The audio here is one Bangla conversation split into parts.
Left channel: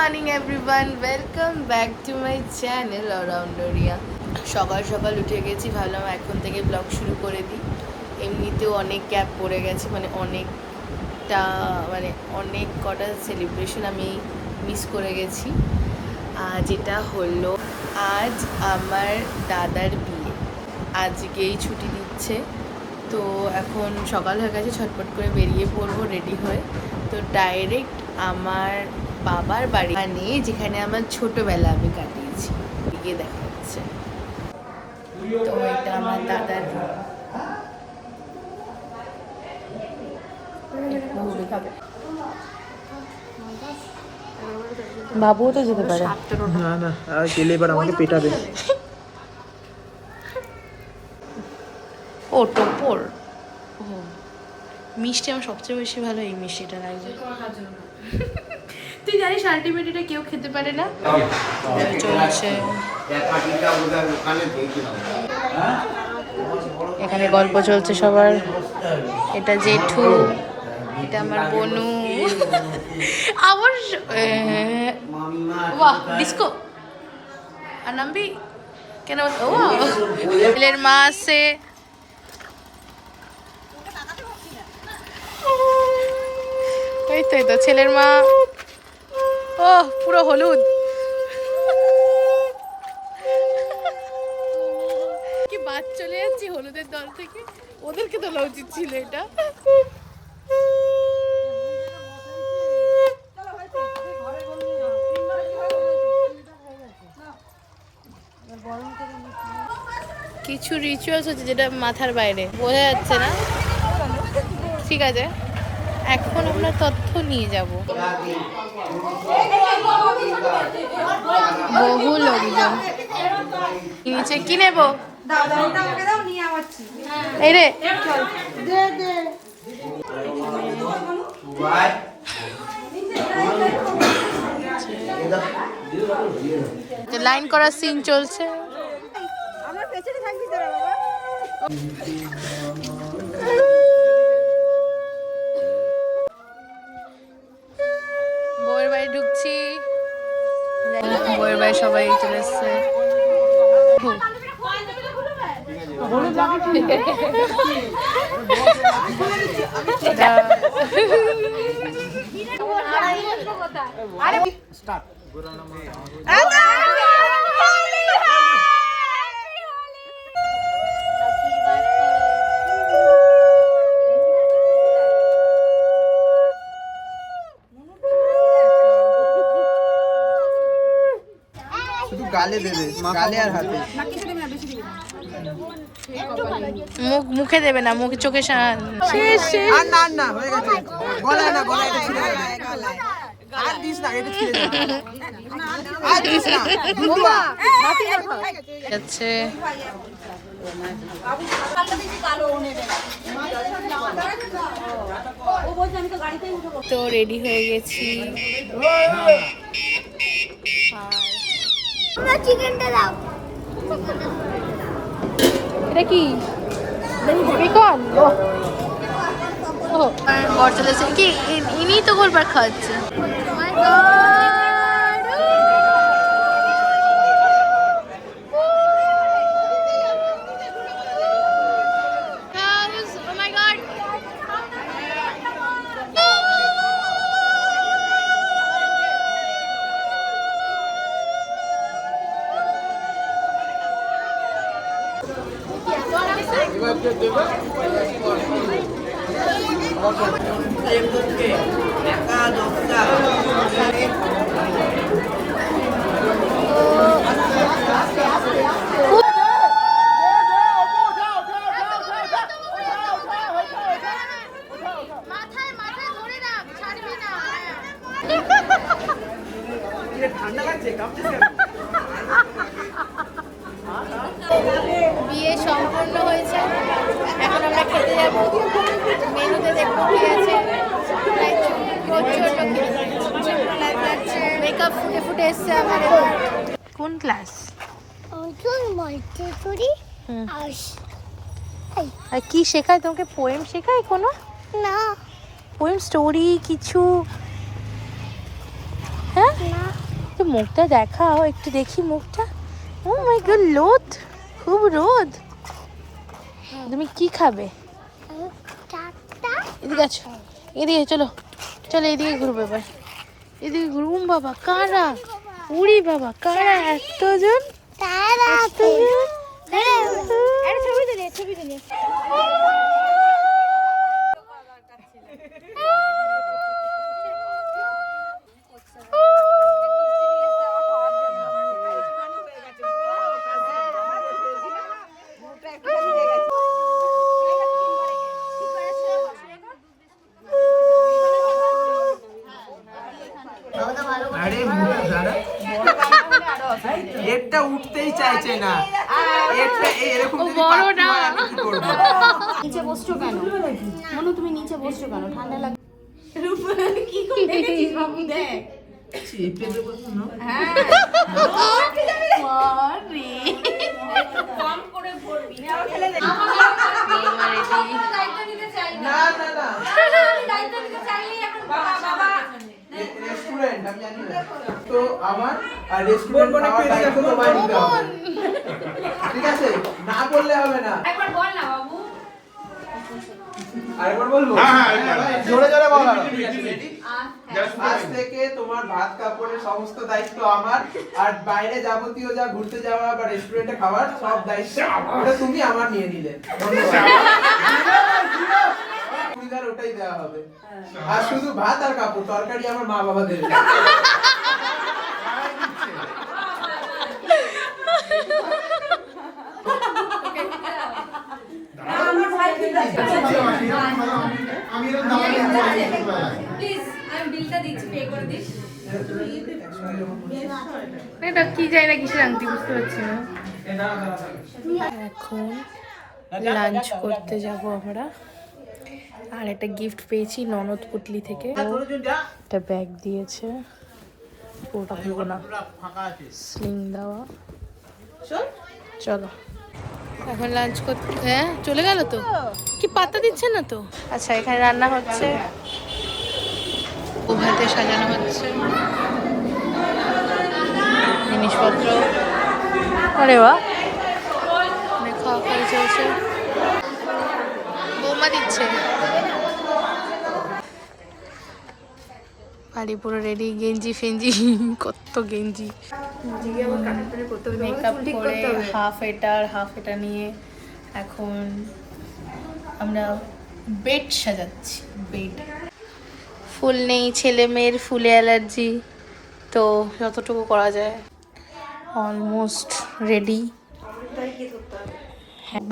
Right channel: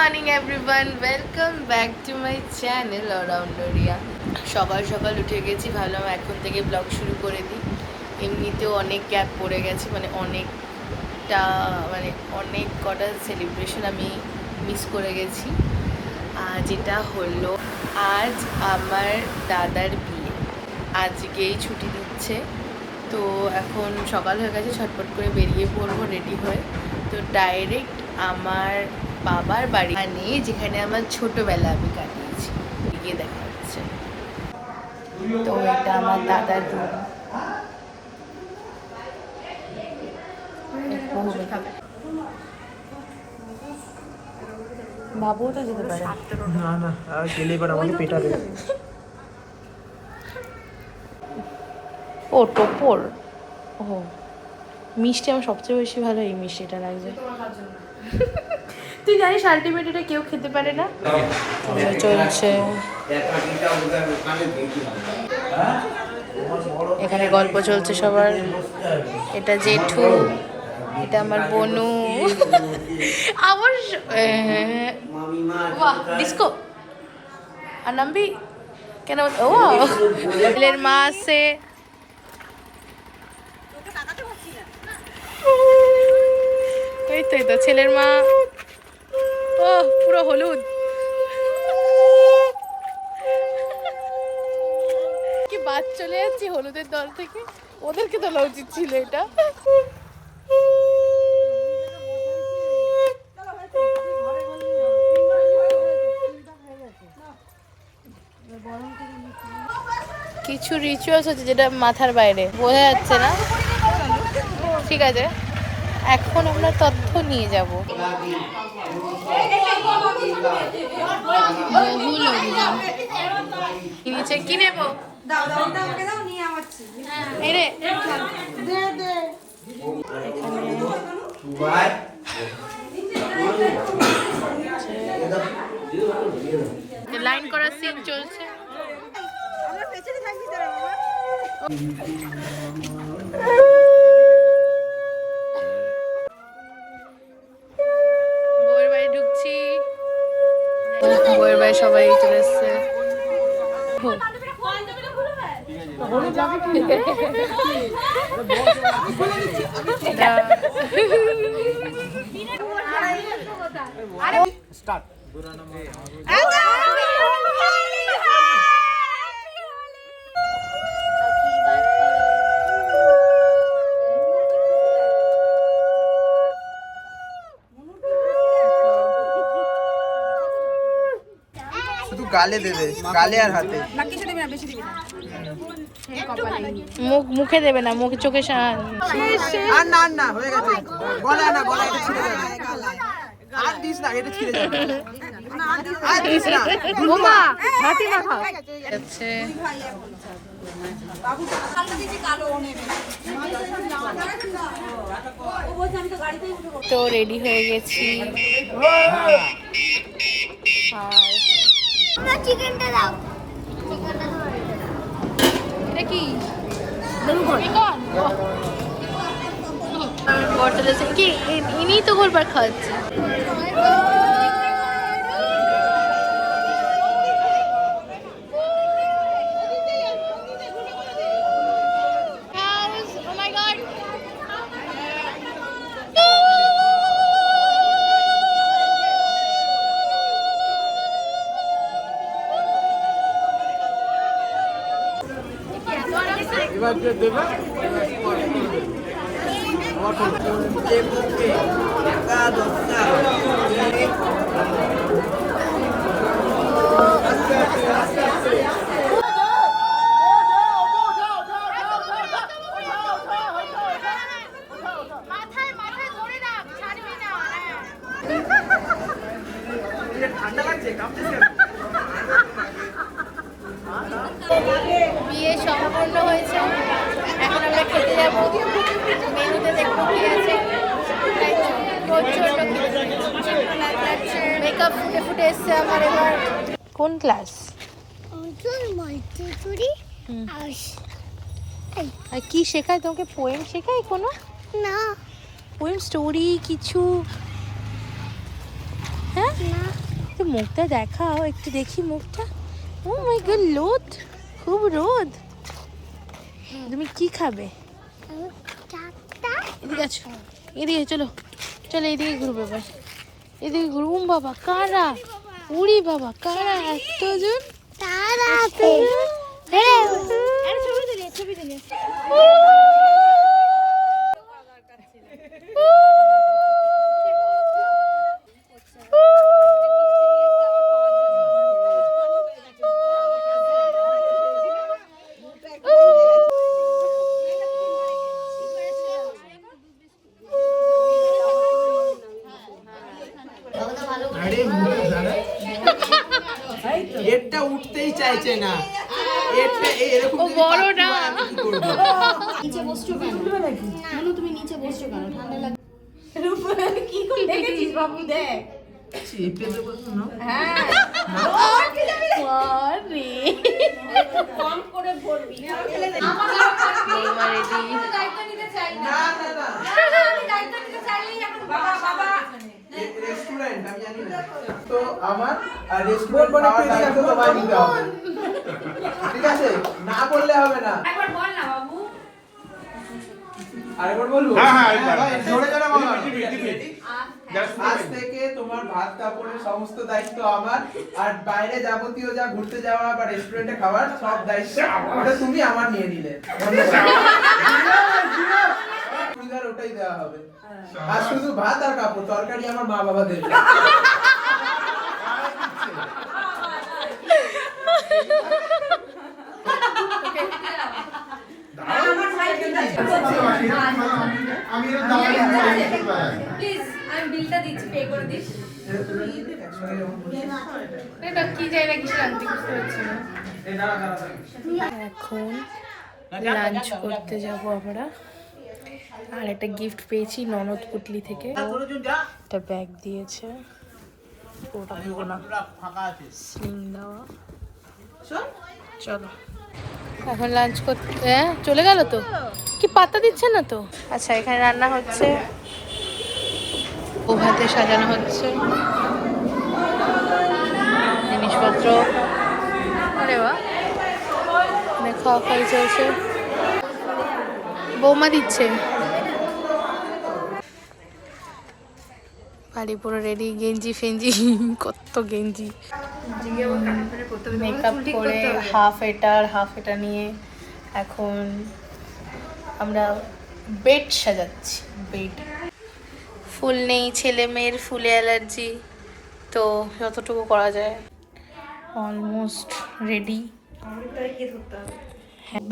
Morning everyone, welcome back to my channel অলরাউন্ডারিয়া। সকাল সকাল উঠে গেছি, ভাবলাম এখন থেকে ব্লগ শুরু করে দিই। এমনিতেও অনেক গ্যাপ পড়ে গেছে, অনেক কটা সেলিব্রেশন আমি মিস করে গেছি। যেটা হলো আজ আমার দাদার বিয়ে, আজকেই ছুটি দিচ্ছে। তো এখন সকাল হয়ে গেছে, ছটপট করে বেরিয়ে পড়বো রেডি হয়ে। তো ডাইরেক্ট আমার বাবার বাড়ি, মানে যেখানে আমার ছোটবেলা আমি কাটিয়েছি, গিয়ে দেখা হচ্ছে। তো এটা আমার দাদার রুম। বাবুও তো যেতে পারে না না, আর গেলে এবার আমাকে পেটাবে। ও টোপর, ও মিষ্টি আমার সবচেয়ে বেশি ভালো এই মিষ্টিটা লাগছে। তুই জানিস আলটিমেটলি কেউ খেতে পারে না। চলছে এখানে গল্প চলছে সবার। এটা জেঠু, এটা আমার বনু, আমার বাহ ডিস্কো। আর নামবি কেন? ও ছেলের মা আছে, এই তো ছেলের মা। ও পুরো হলুদ, কি বাদ চলে যাচ্ছি হলুদের দল থেকে। ওদেরকে তোলা উচিত ছিল এটা। কিছু রিচুয়ালস হচ্ছে যেটা মাথার বাইরে, বোঝা যাচ্ছে না। ঠিক আছে, এখন আমরা তথ্য নিয়ে যাব। বহু লোকজন নিচে কি নেব? এই রে লাইন করার সিন চলছে। বউয়ের বাড়ি ঢুকছি, বউয়ের বাড়ি সবাই চলে এসছে। শুধু গালে দেবে, গালে আর হাতে। মুখে দেবে না, মুখে চোখে। আর না না, হয়ে গেছে। গলায় না, গলায় এটা ছিঁড়ে যাবে। আর দিস না, এটা ছিঁড়ে যাবে। আর দিস না, দুলুয়া। আছে তো রেডি হয়ে গেছি। আর চিকেনটা দাও। এটা কি বেকন? বর চলেছে কি, ইনি তো গোলবার খাওয়াচ্ছে। বিয়ে সম্পূর্ণ হয়েছে, এখন আমরা খেতে যাব। মেনুতে দেখবো কি আছে। তাই তো প্রচন্ড মেকআপ ফুটে ফুটে এসছে আমার এবার। কোন ক্লাস? আর কি শেখায় তোমাকে? পোয়েম শেখায় কোনো? না, পোয়েম স্টোরি কিছু হ্যাঁ তো মুখটা দেখাও একটু, দেখি মুখটা। ও মাই গড, রোদ, খুব রোদ। তুমি কি খাবে? এদিকে আছো, এদিকে চলো, চলো এদিকে ঘুরবো এবার, এদিকে ঘুরুম। বাবা কারা, উড়ি বাবা কারা, এতজন কারা। ছবি তুলে, ছবি তুলে। আরে এটা উঠতেই চাইছে না, এটা এরকম যদি পাখি হয় আমি কি করব? নিচে বসছো কেন? মনু তুমি নিচে বসছো কেন? ঠান্ডা লাগে। কি করে দেখেছিস বাবু? দেখ চেপে দেবো না। হ্যাঁ কম করে বলবি না, ঠেলে দে। বৌমা রেডি। দায়িত্ব দিতে চাই না, আমি দায়িত্ব দিতে চাইনি। এখন বাবা রেস্টুরেন্ট আমি জানি না তো আমার রেস্টুরেন্ট খাওয়ার দায়িত্ব তোমায় নিতে হবে, ঠিক আছে? না বললে হবে না। একবার বল না বাবু। আরেকবার বলবো? হ্যাঁ, জোরে জোরে বলো। আজ থেকে তোমার ভাত কাপড়ের সমস্ত দায়িত্ব আমার, আর বাইরে যাবতীয় যা ঘুরতে যাওয়া বা রেস্টুরেন্টে খাবার সব দায়িত্ব ওটা তুমি আমার নিয়ে নিলে। ধন্যবাদ। ওটাই দেওয়া হবে, আর শুধু ভাত আর কাপড়, তরকারি আমার মা বাবা দেবে। প্লিজ আমি বিলটা দিচ্ছি, পে করে দিস। এটা কি যায় না, কিছু আনতে বুঝতে পারছি না। এখন লাঞ্চ করতে যাব আমরা, আর একটা গিফট পেয়েছি ননদ পুটলি থেকে। একটা ব্যাগ দিয়েছে, ওটা খুলবো না, স্লিং দেওয়া। চলো এখন লাঞ্চ করতে। হ্যাঁ চলে গেল তো, কি পাত্তা দিচ্ছে না তো। আচ্ছা এখানে রান্না হচ্ছে, ওভাতে সাজানো হচ্ছে জিনিসপত্র। আরে বাহ, মানে খাওয়া খাওয়া চলছে, বৌমা দিচ্ছে। বাড়ি পুরো রেডি, গেঞ্জি ফেঞ্জি, কত গেঞ্জি, মেকআপ করে হাফ এটা নিয়ে এখন আমরা বেড সাজাচ্ছি। বেড ফুল নেই, ছেলে মেয়ের ফুলে অ্যালার্জি, তো যতটুকু করা যায়। অলমোস্ট রেডি,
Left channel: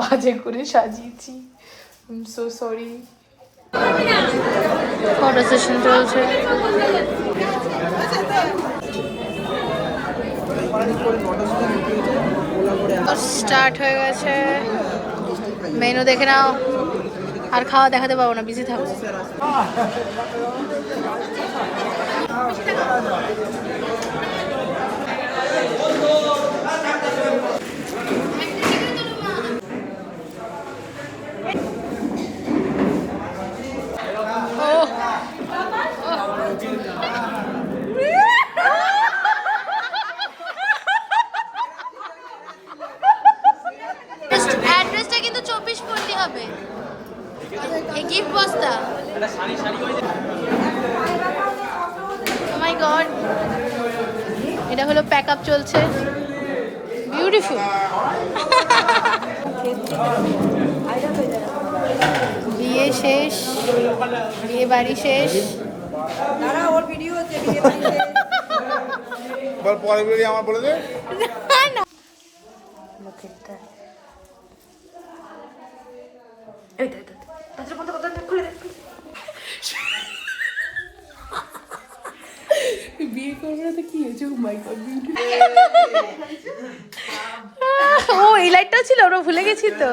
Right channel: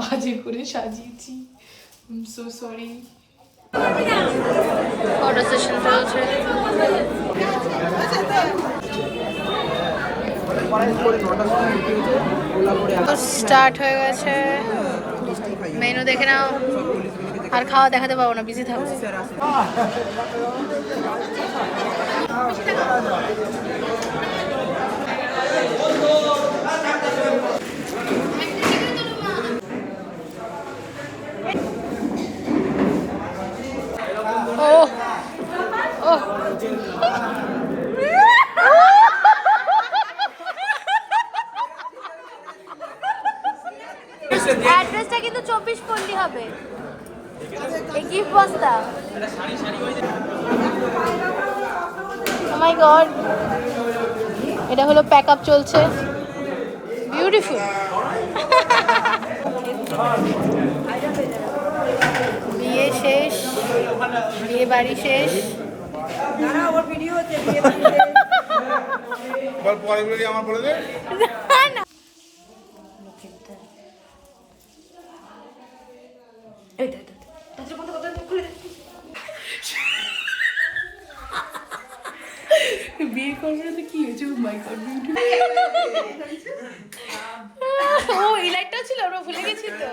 বাজে করে সাজিয়েছি, I am so sorry. Photo session চলছে। স্টার্ট হয়ে গেছে, মেনু দেখে নাও। আর খাওয়া দেখাতে পাবো না, বিজি থাকবো। অ্যাড্রেসটা কিন্তু 24 পল্লী হবে, এই গিফট বক্সটা। ও মাই গড, এটা হলো প্যাক আপ চলছে, বিউটিফুল। বিয়ে শেষ, বিয়ে বাড়ি শেষ। দাঁড়া, ওর ভিডিও হচ্ছে, বিয়ে বাড়িতে। বল পরে বলি, আমার বলে দে। বিয়ে করবে না তো কি হয়েছে? মাই গড, ও এই লাইটটাও ছিল, ওরা ভুলে গেছি তো।